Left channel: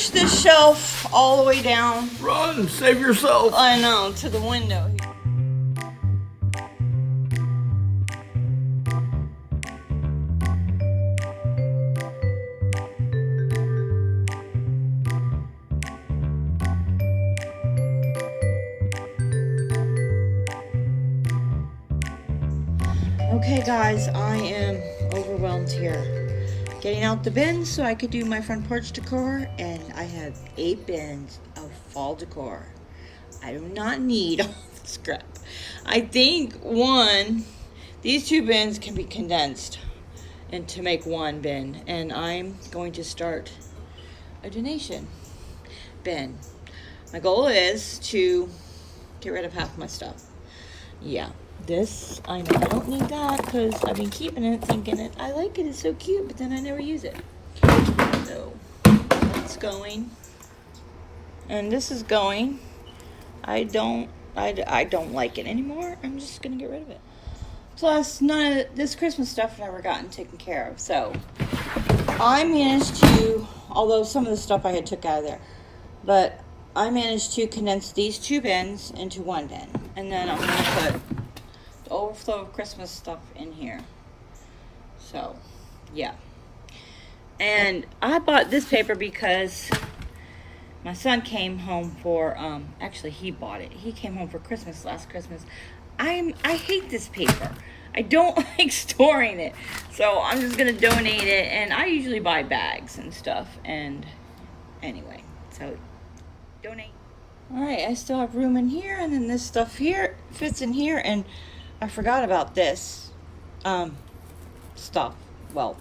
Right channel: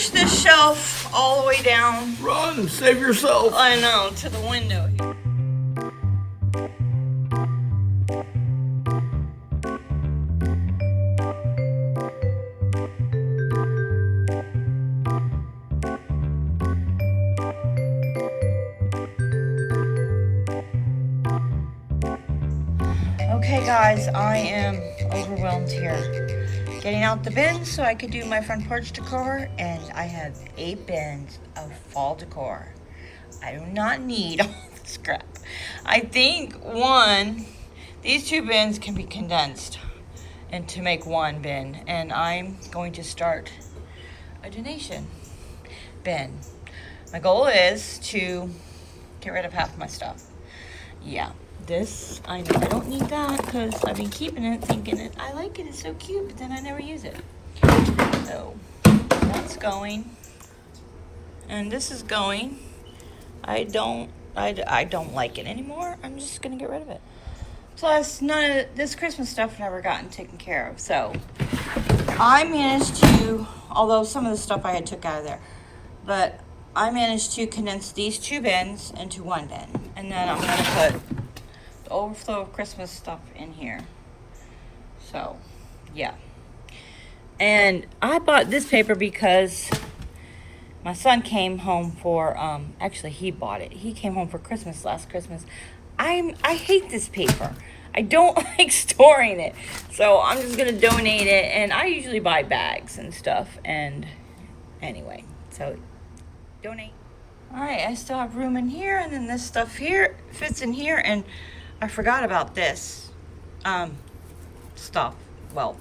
push this shelf all the way down. Run, save yourself. I know, to the window here. Okay guys, I am overwhelmed here. Getting out the bins so I could do my front porch decor, and I have 8 bins of fall decor. I do not need all this crap. I think these 2 bins can be condensed and to make 1 bin, and I'm going to start a donation bin. My goal is to get rid of half my stuff. Yeah. This, I don't need that because I've been keeping it, thinking it, I like it, it's so cute, but then I never use it. So, that's going. And this is going. I don't like it anymore. I'm just gonna get rid of it. Plus, none of this Christmas stuff never gotten taken care of. So, I managed to, although some of the stuff I had took out of there, but I managed to condense these 2 bins into 1 bin. And then I'm gonna put overflow of Christmas stuff in here. So yeah, and I bought this paper because my son came home for actually he bought it. He came home for Christmas last Christmas. I hate this paper. I don't like storing it, so I'm just gonna donate it. And I usually buy bags and stuff, and anyway, so donate. All right, I still have room in here, and then this stuff here fits in here, and I forgot about this stuff. Well,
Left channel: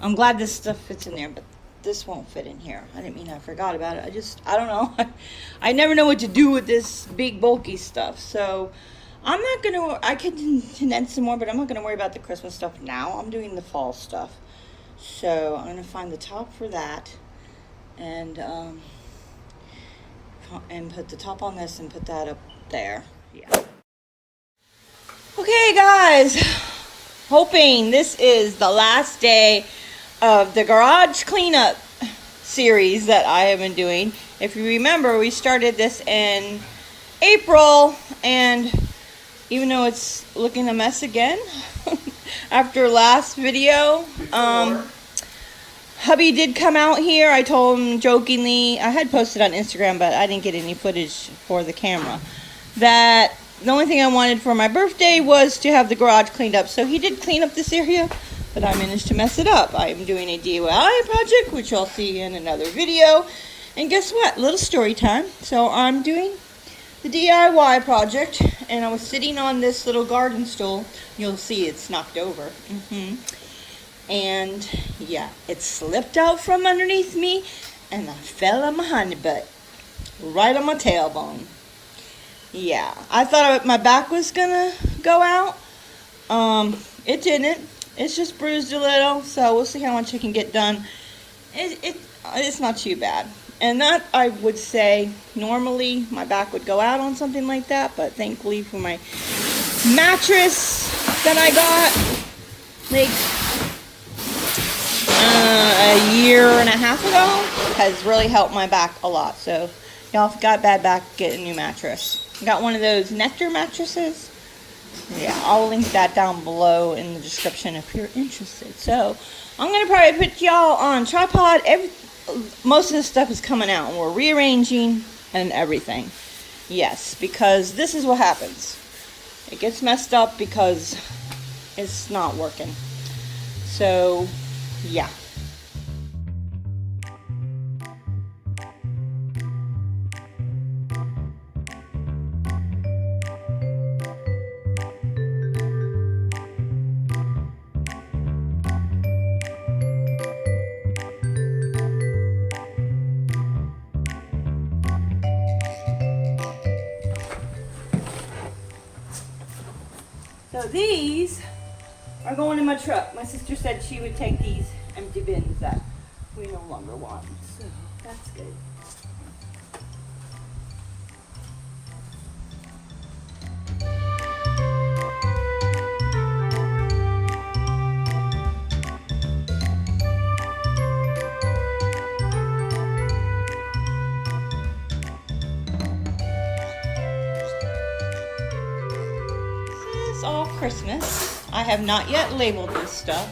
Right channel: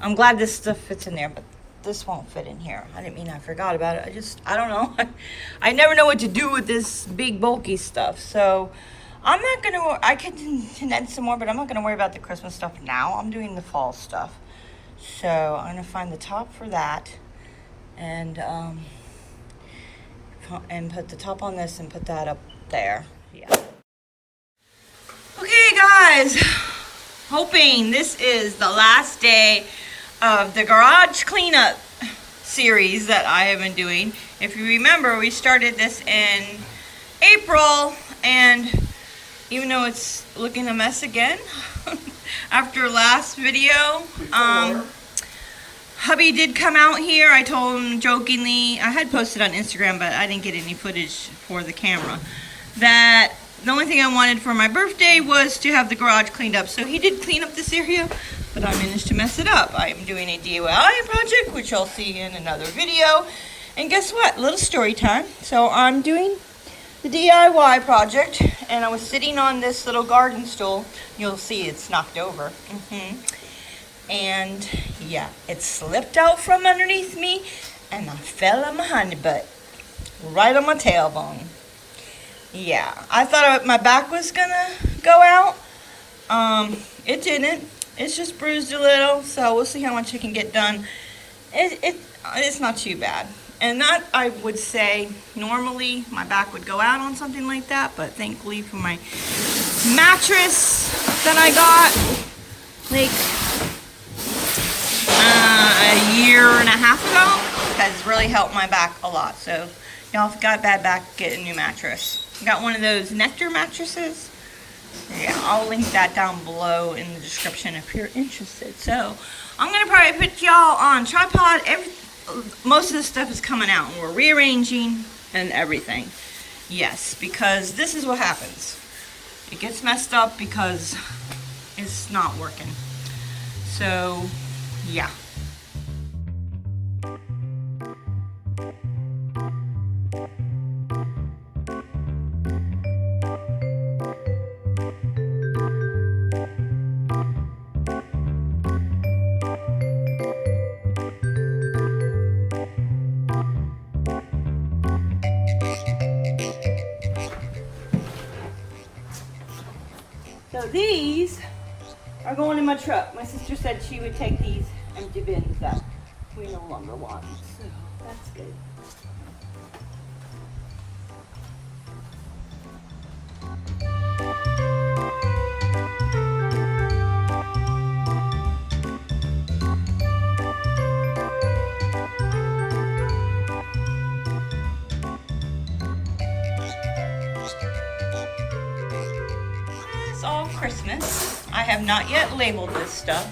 I'm glad this stuff fits in there, but this won't fit in here. I didn't mean I forgot about it. I don't know. I never know what to do with this big bulky stuff. So I'm not gonna, I can condense some more, but I'm not gonna worry about the Christmas stuff now. I'm doing the fall stuff. So I'm gonna find the top for that and put the top on this and put that up there. Yeah. Okay guys, hoping this is the last day of the garage cleanup series that I have been doing. If you remember, we started this in April, and even though it's looking a mess again after last video, hubby did come out here. I told him jokingly, I had posted on Instagram, but I didn't get any footage for the camera, that the only thing I wanted for my birthday was to have the garage cleaned up. So he did clean up this area, but I managed to mess it up. I'm doing a DIY project, which you'll see in another video. And guess what? Little story time. So I'm doing the DIY project, and I was sitting on this little garden stool. You'll see it's knocked over. And yeah, it slipped out from underneath me, and I fell on my honey butt, right on my tailbone. Yeah, I thought my back was gonna go out. It didn't. It's just bruised a little, so we'll see how much we can get done. It's not too bad. And that, I would say, normally my back would go out on something like that, but thankfully for my mattress that I got, like a year and a half ago, has really helped my back a lot. So y'all got bad back, get a new mattress. Got one of those Nectar mattresses. Yeah, I'll link that down below in the description if you're interested. So I'm gonna probably put y'all on tripod. Most of the stuff is coming out, and we're rearranging and everything. Yes, because this is what happens. It gets messed up because it's not working. So yeah. So these are going in my truck. My sister said she would take these empty bins that we no longer want. So that's good. Christmas. I have not yet labeled this stuff.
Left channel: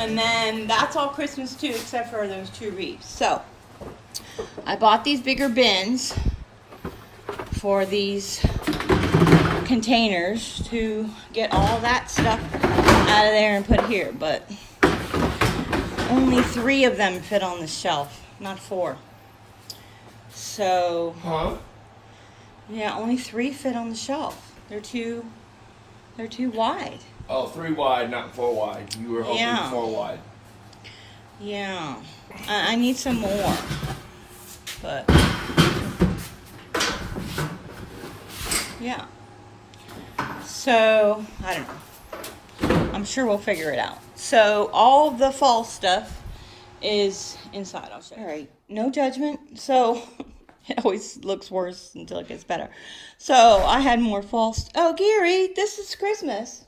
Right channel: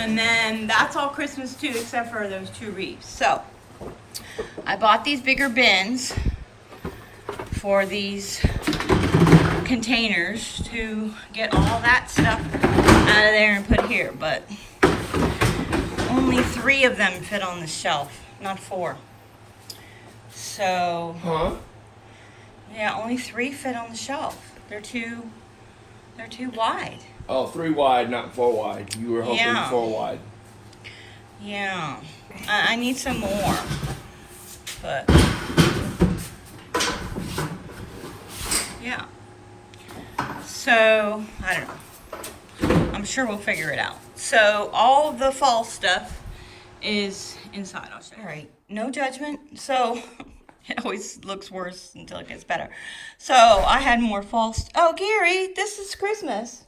And then that's all Christmas too, except for those 2 wreaths. So I bought these bigger bins for these containers to get all that stuff out of there and put here, but only 3 of them fit on the shelf, not 4. So, yeah, only 3 fit on the shelf. They're too wide. Oh, 3 wide, not 4 wide. You were hoping 4 wide. Yeah, I need some more, but yeah. So, I don't know. I'm sure we'll figure it out. So, all the fall stuff is inside. I'll show you. All right, no judgment. So, it always looks worse until it gets better. So, I had more fall stuff. Oh, Gary, this is Christmas.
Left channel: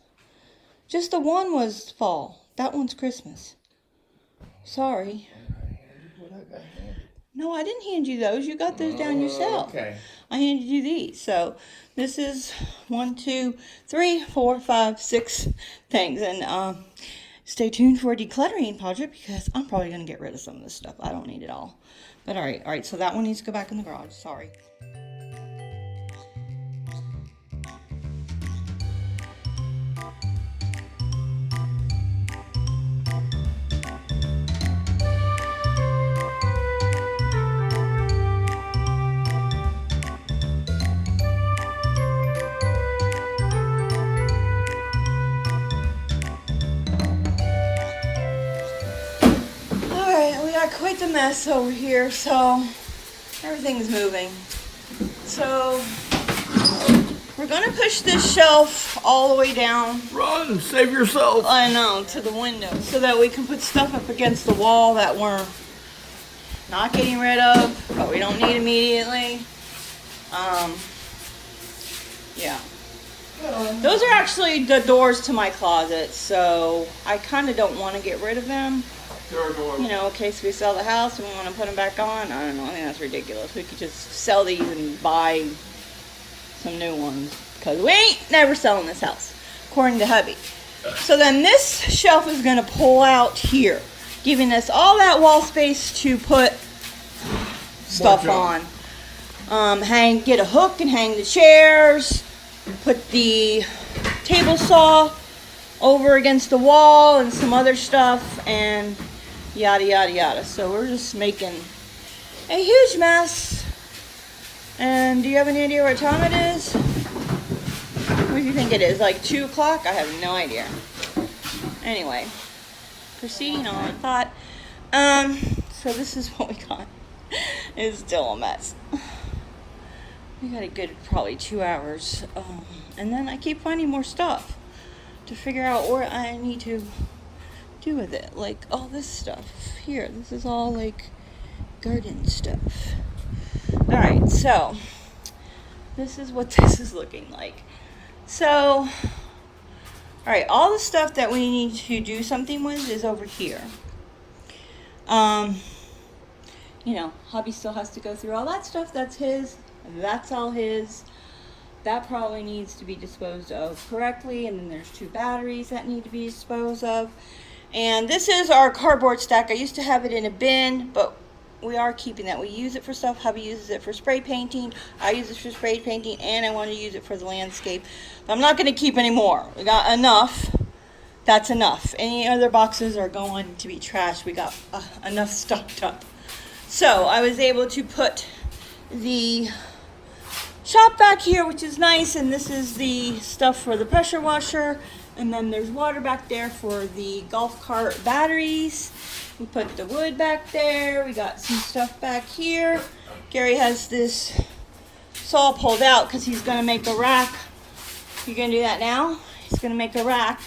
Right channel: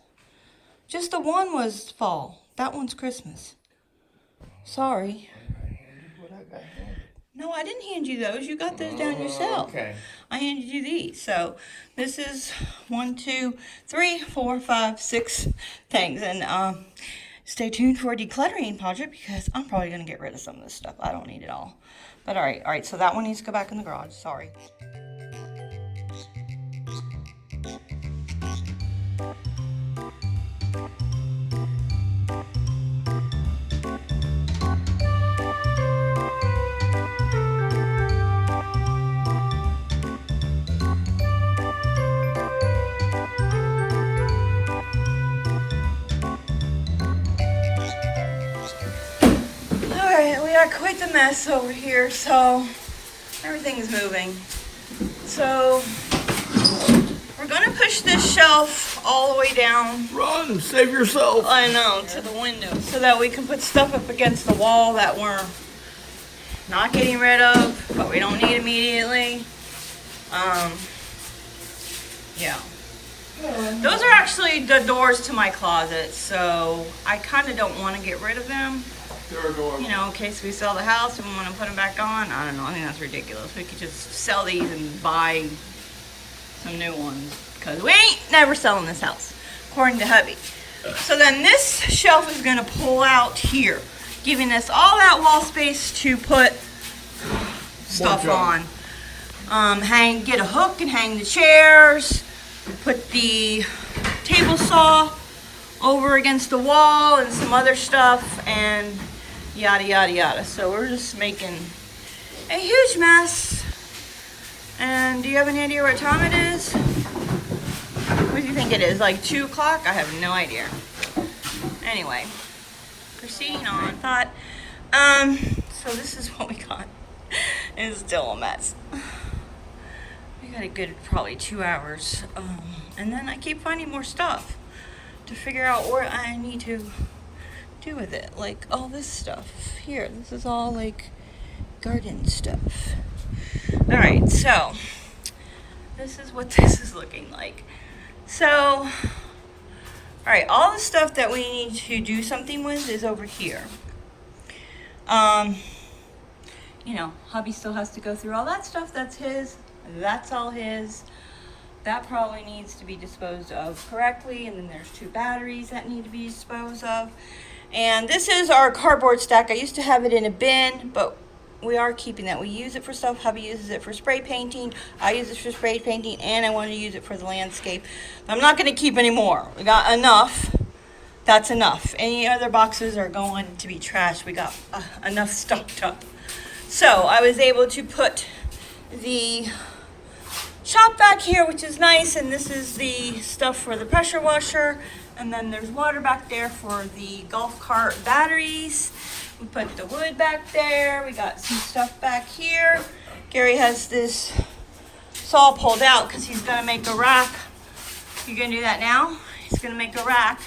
Just the one was fall. That one's Christmas. Sorry. No, I didn't hand you those. You got those down yourself. Okay. I handed you these. So this is 1, 2, 3, 4, 5, 6 things. And stay tuned for a decluttering project because I'm probably going to get rid of some of this stuff. I don't need it all. But all right. So that one needs to go back in the garage. Sorry. Quite the mess over here, so everything is moving. So we're gonna push this shelf all the way down. Run, save yourself. I know, to the window, so that we can put stuff up against the wall that we're not getting rid of, but we don't need immediately. Yeah. Those are actually the doors to my closet, so I kind of don't want to get rid of them. You know, in case we sell the house and we want to put them back on. I don't know. I think that's ridiculous. We could just sell these and buy some new ones. Because we ain't never selling this house, according to hubby. So then this shelf is going to pull out here, giving us all that wall space to put stuff on. Get a hook and hang the chairs. Put the table saw over against the wall and some other stuff and yada yada yada. So we're just making a huge mess. And do you have any idea what time it is? What do you think it is? Like 2 o'clock? I have no idea. Anyway, proceeding on. So this is what we got. It's still a mess. We got a good probably 2 hours. And then I keep finding more stuff to figure out what I need to do with it. Like all this stuff here. This is all like garden stuff. Alright, so this is what this is looking like. So, alright, all the stuff that we need to do something with is over here. You know, hubby still has to go through all that stuff. That's his. That's all his. That probably needs to be disposed of correctly. And then there's 2 batteries that need to be disposed of. And this is our cardboard stack. I used to have it in a bin, but we are keeping that. We use it for stuff. Hubby uses it for spray painting. I use it for spray painting, and I want to use it for the landscape. But I'm not going to keep any more. We got enough. That's enough. Any other boxes are going to be trashed. We got enough stocked up. So I was able to put the shop back here, which is nice, and this is the stuff for the pressure washer, and then there's water back there for the golf cart batteries. We put the wood back there. We got some stuff back here. Gary has this saw pulled out because he's gonna make a rack. You gonna do that now? He's gonna make a rack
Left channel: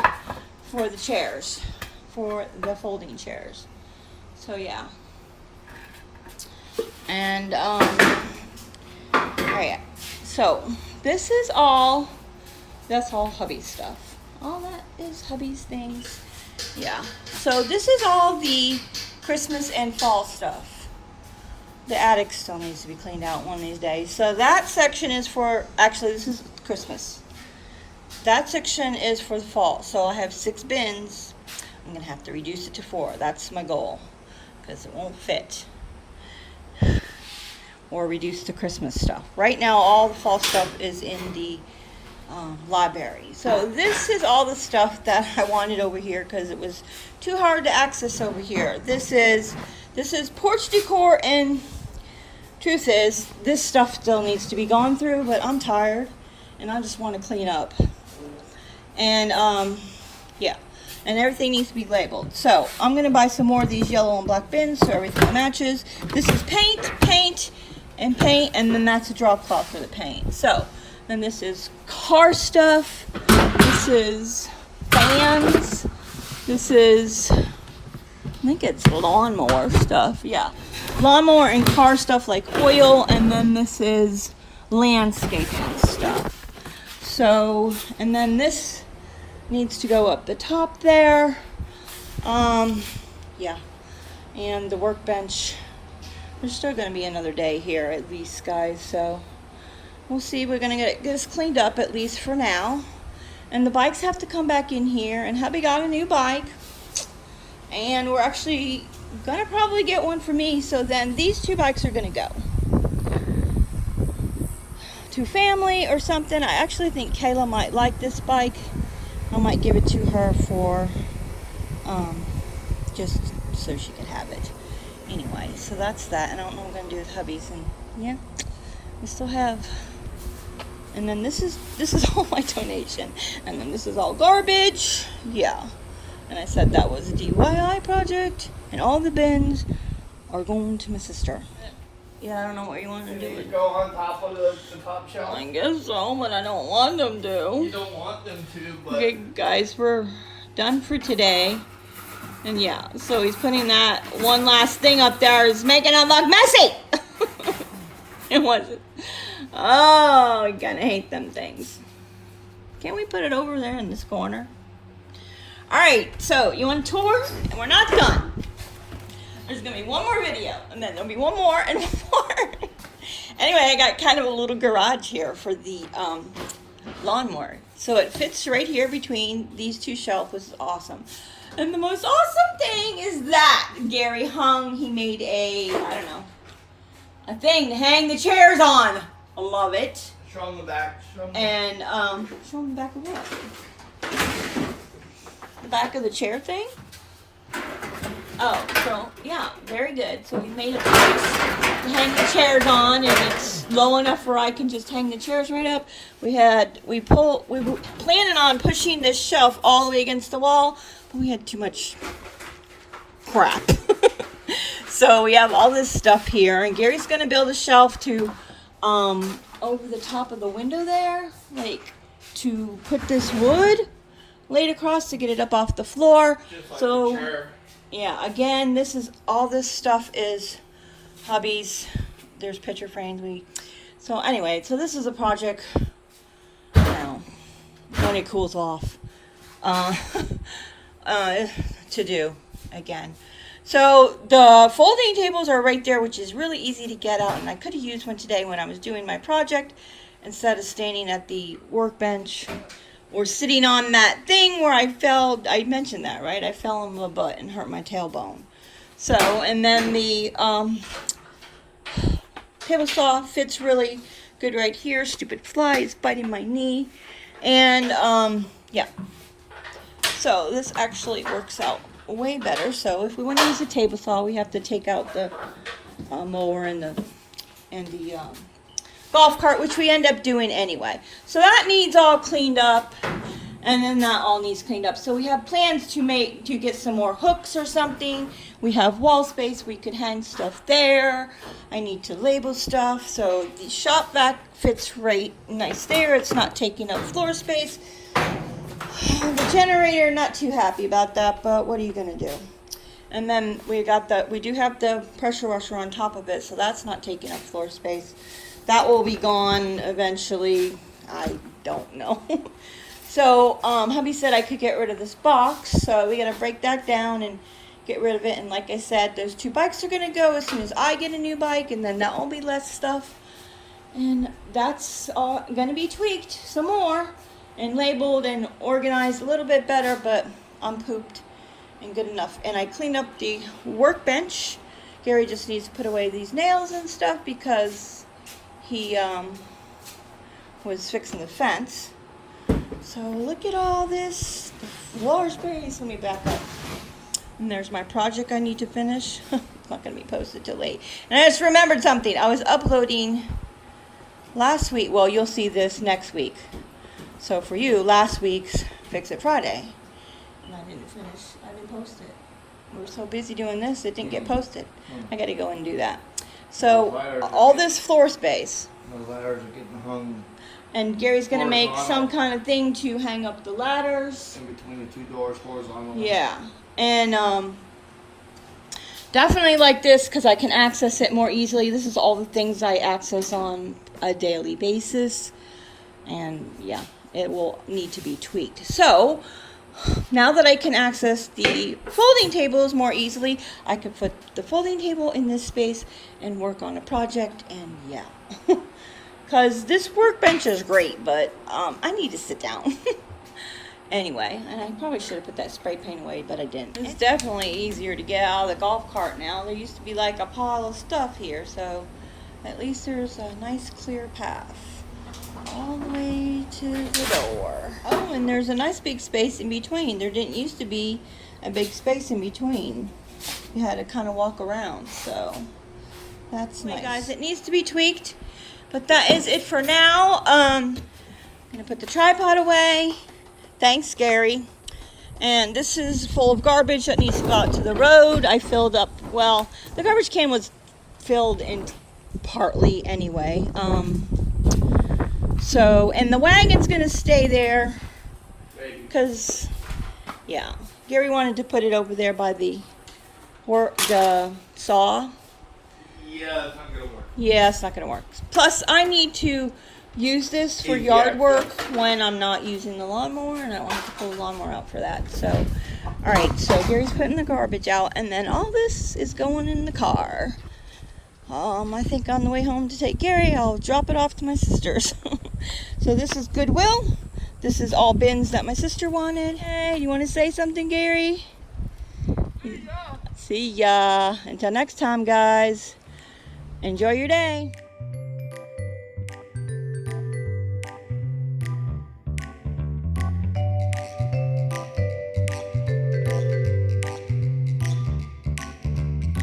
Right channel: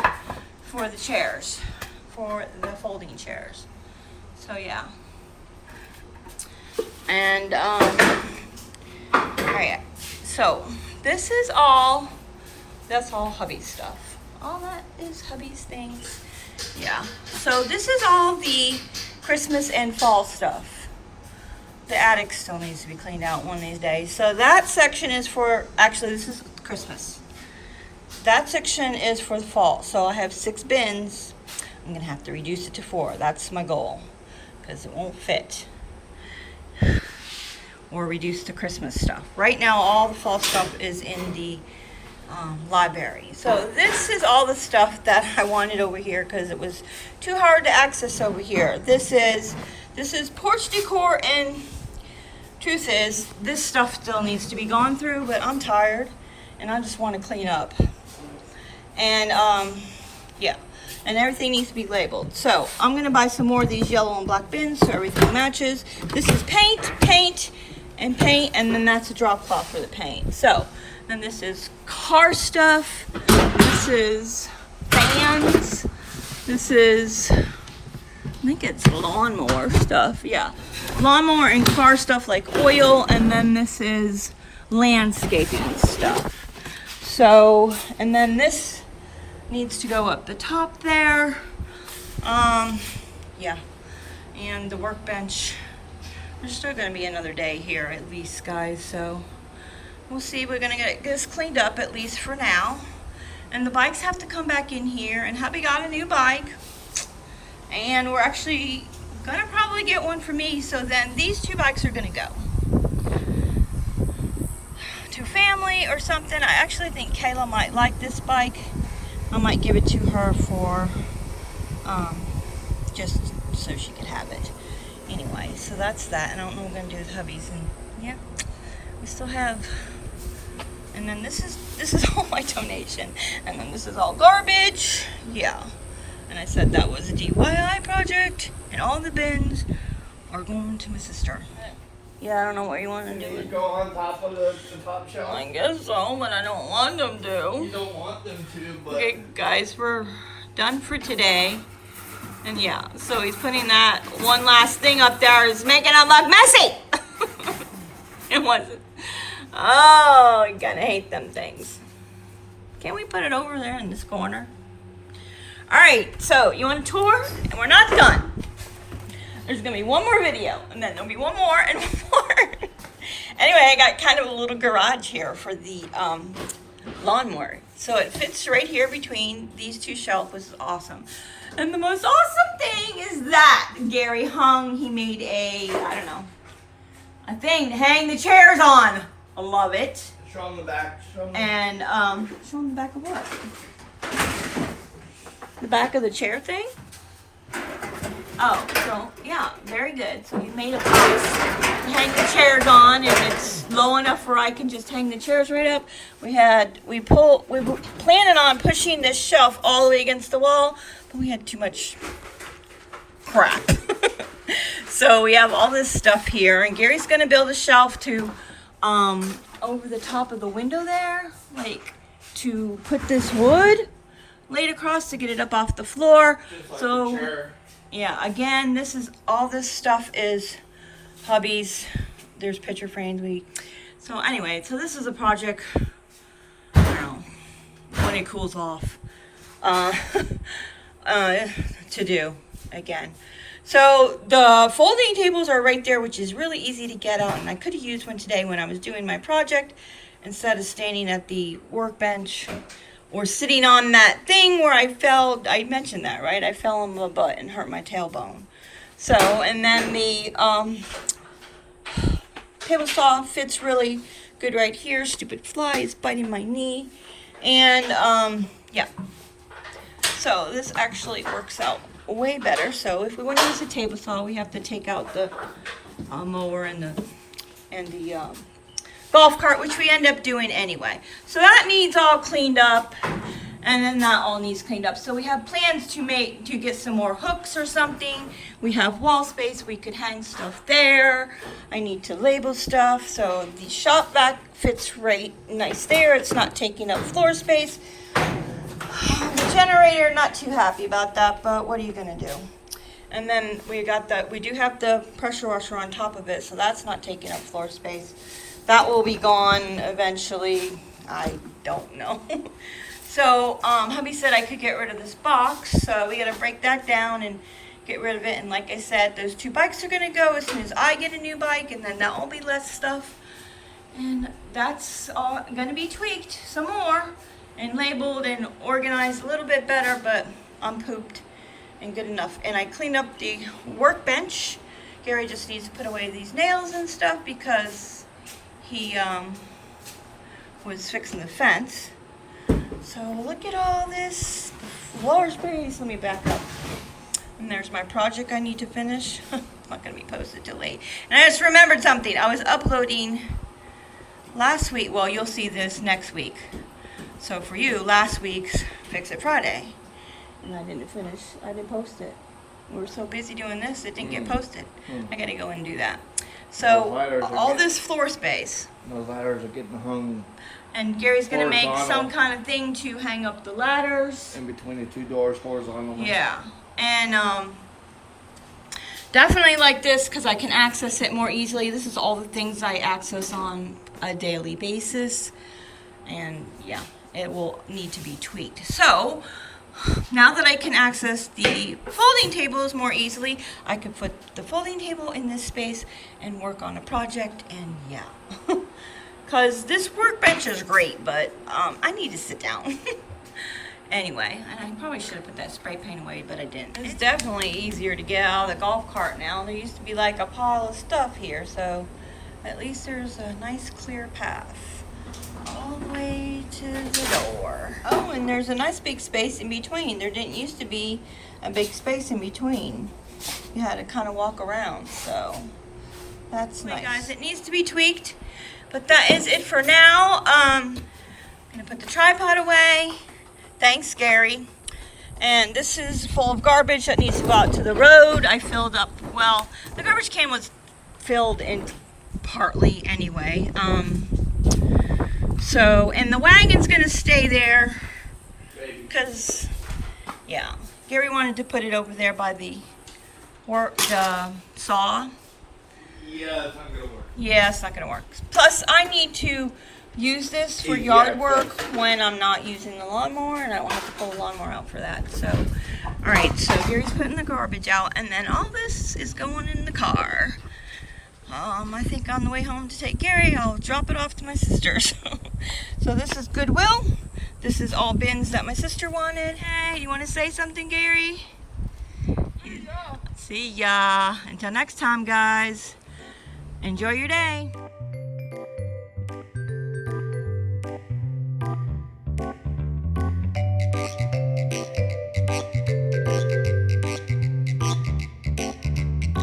for the chairs, for the folding chairs. So yeah. And alright, so this is all, that's all hubby's stuff. All that is hubby's things. Yeah, so this is all the Christmas and fall stuff. The attic still needs to be cleaned out one of these days. So that section is for, actually this is Christmas. that section is for the fall. So I have 6 bins. I'm gonna have to reduce it to 4. That's my goal, because it won't fit. Or reduce the Christmas stuff. Right now, all the fall stuff is in the library. So this is all the stuff that I wanted over here because it was too hard to access over here. This is porch decor, and truth is, this stuff still needs to be gone through, but I'm tired and I just want to clean up. And yeah, and everything needs to be labeled. So I'm gonna buy some more of these yellow and black bins so everything matches. This is paint, and then that's a drop cloth for the paint. So then this is car stuff. This is fans. This is, I think it's lawnmower stuff. Yeah, lawnmower and car stuff like oil. And then this is landscaping stuff. So, and then this needs to go up the top there. Yeah, and the workbench. There's still gonna be another day here at least, guys, so we'll see. We're gonna get this cleaned up at least for now. And the bikes have to come back in here, and hubby got a new bike. And we're actually gonna probably get one for me, so then these 2 bikes are gonna go to family or something. I actually think Kayla might like this bike. I might give it to her for just so she can have it. Anyway, so that's that. And I don't know what I'm gonna do with hubby's. And yeah, we still have. And then this is all my donation. And then this is all garbage. Yeah. And I said that was a DIY project, and all the bins are going to my sister. Yeah, I don't know what you want to do. Go on top of the top shelf? I guess so, but I don't want them to. You don't want them to, but... Okay, guys, we're done for today. And yeah, so he's putting that one last thing up there. Is making it look messy. It wasn't. Oh, you're gonna hate them things. Can't we put it over there in this corner? All right, so you want a tour? And we're not done. There's gonna be one more video, and then there'll be one more and more. Anyway, I got kind of a little garage here for the lawnmower. So it fits right here between these 2 shelves, which is awesome. And the most awesome thing is that Gary he made a thing to hang the chairs on. I love it. Show them the back. Show them And show them the back of what? The back of the chair thing? Oh, so yeah, very good. So we made a box to hang the chairs on, and it's low enough where I can just hang the chairs right up. We were planning on pushing this shelf all the way against the wall, but we had too much crap. So we have all this stuff here, and Gary's gonna build a shelf to over the top of the window there, like to put this wood laid across to get it up off the floor. Just like so the chair. Yeah, again, this is all this stuff is hubby's. There's picture frames. So anyway, so this is a project, I don't know, when it cools off, to do again. So the folding tables are right there, which is really easy to get out, and I could have used one today when I was doing my project instead of standing at the workbench or sitting on that thing where I fell. I mentioned that, right? I fell on my butt and hurt my tailbone. So, and then the table saw fits really good right here. Stupid fly is biting my knee. And yeah. So this actually works out way better. So if we want to use the table saw, we have to take out the mower and the golf cart, which we end up doing anyway. So that needs all cleaned up, and then that all needs cleaned up. So we have plans to get some more hooks or something. We have wall space, we could hang stuff there. I need to label stuff, so the shop vac fits right nice there. It's not taking up floor space. The generator, not too happy about that, but what are you gonna do? And then we do have the pressure washer on top of it, so that's not taking up floor space. That will be gone eventually. I don't know. So hubby said I could get rid of this box, so we gotta break that down and get rid of it. And like I said, those 2 bikes are gonna go as soon as I get a new bike, and then that will be less stuff. And that's all gonna be tweaked some more. and labeled and organized a little bit better, but I'm pooped and good enough. And I cleaned up the workbench. Gary just needs to put away these nails and stuff because he was fixing the fence. So look at all this floor space. Let me back up. And there's my project I need to finish. It's not going to be posted till late. And I just remembered something. I was uploading last week. Well, you'll see this next week. So for you, last week's Fix It Friday. And I didn't finish. I didn't post it. We were so busy doing this, it didn't get posted. I got to go and do that. So all this floor space. Those ladders are getting hung And Gary's going to make some kind of thing to hang up the ladders. in between the two doors, horizontally. Yeah. And definitely like this because I can access it more easily. This is all the things I access on a daily basis. And yeah, it will need to be tweaked. So now that I can access the folding tables more easily, I can put the folding table in this space and work on a project. And yeah. Because this workbench is great, but I need to sit down. Anyway, and I probably should have put that spray paint away, but I didn't. It's definitely easier to get out of the golf cart now. There used to be like a pile of stuff here, so at least there's a nice clear path all the way to the door. Oh, and there's a nice big space in between. There didn't used to be a big space in between. You had to kind of walk around, so that's nice. Guys, it needs to be tweaked. But that is it for now. I'm gonna put the tripod away. Thanks, Gary. And this is full of garbage that needs to go out to the road. I filled up, well, the garbage can was filled in partly anyway. So, and the wagon's gonna stay there because, yeah, Gary wanted to put it over there by the saw. Yeah, it's not gonna work. Yeah, it's not gonna work. Plus, I need to use this for yard work when I'm not using the lawnmower, and I want to pull the lawnmower out for that. So, all right. So Gary's putting the garbage out, and then all this is going in the car. I think on the way home to take Gary, I'll drop it off to my sister's. So this is Goodwill. This is all bins that my sister wanted. Hey, you want to say something, Gary? See ya. Until next time, guys. Enjoy your day.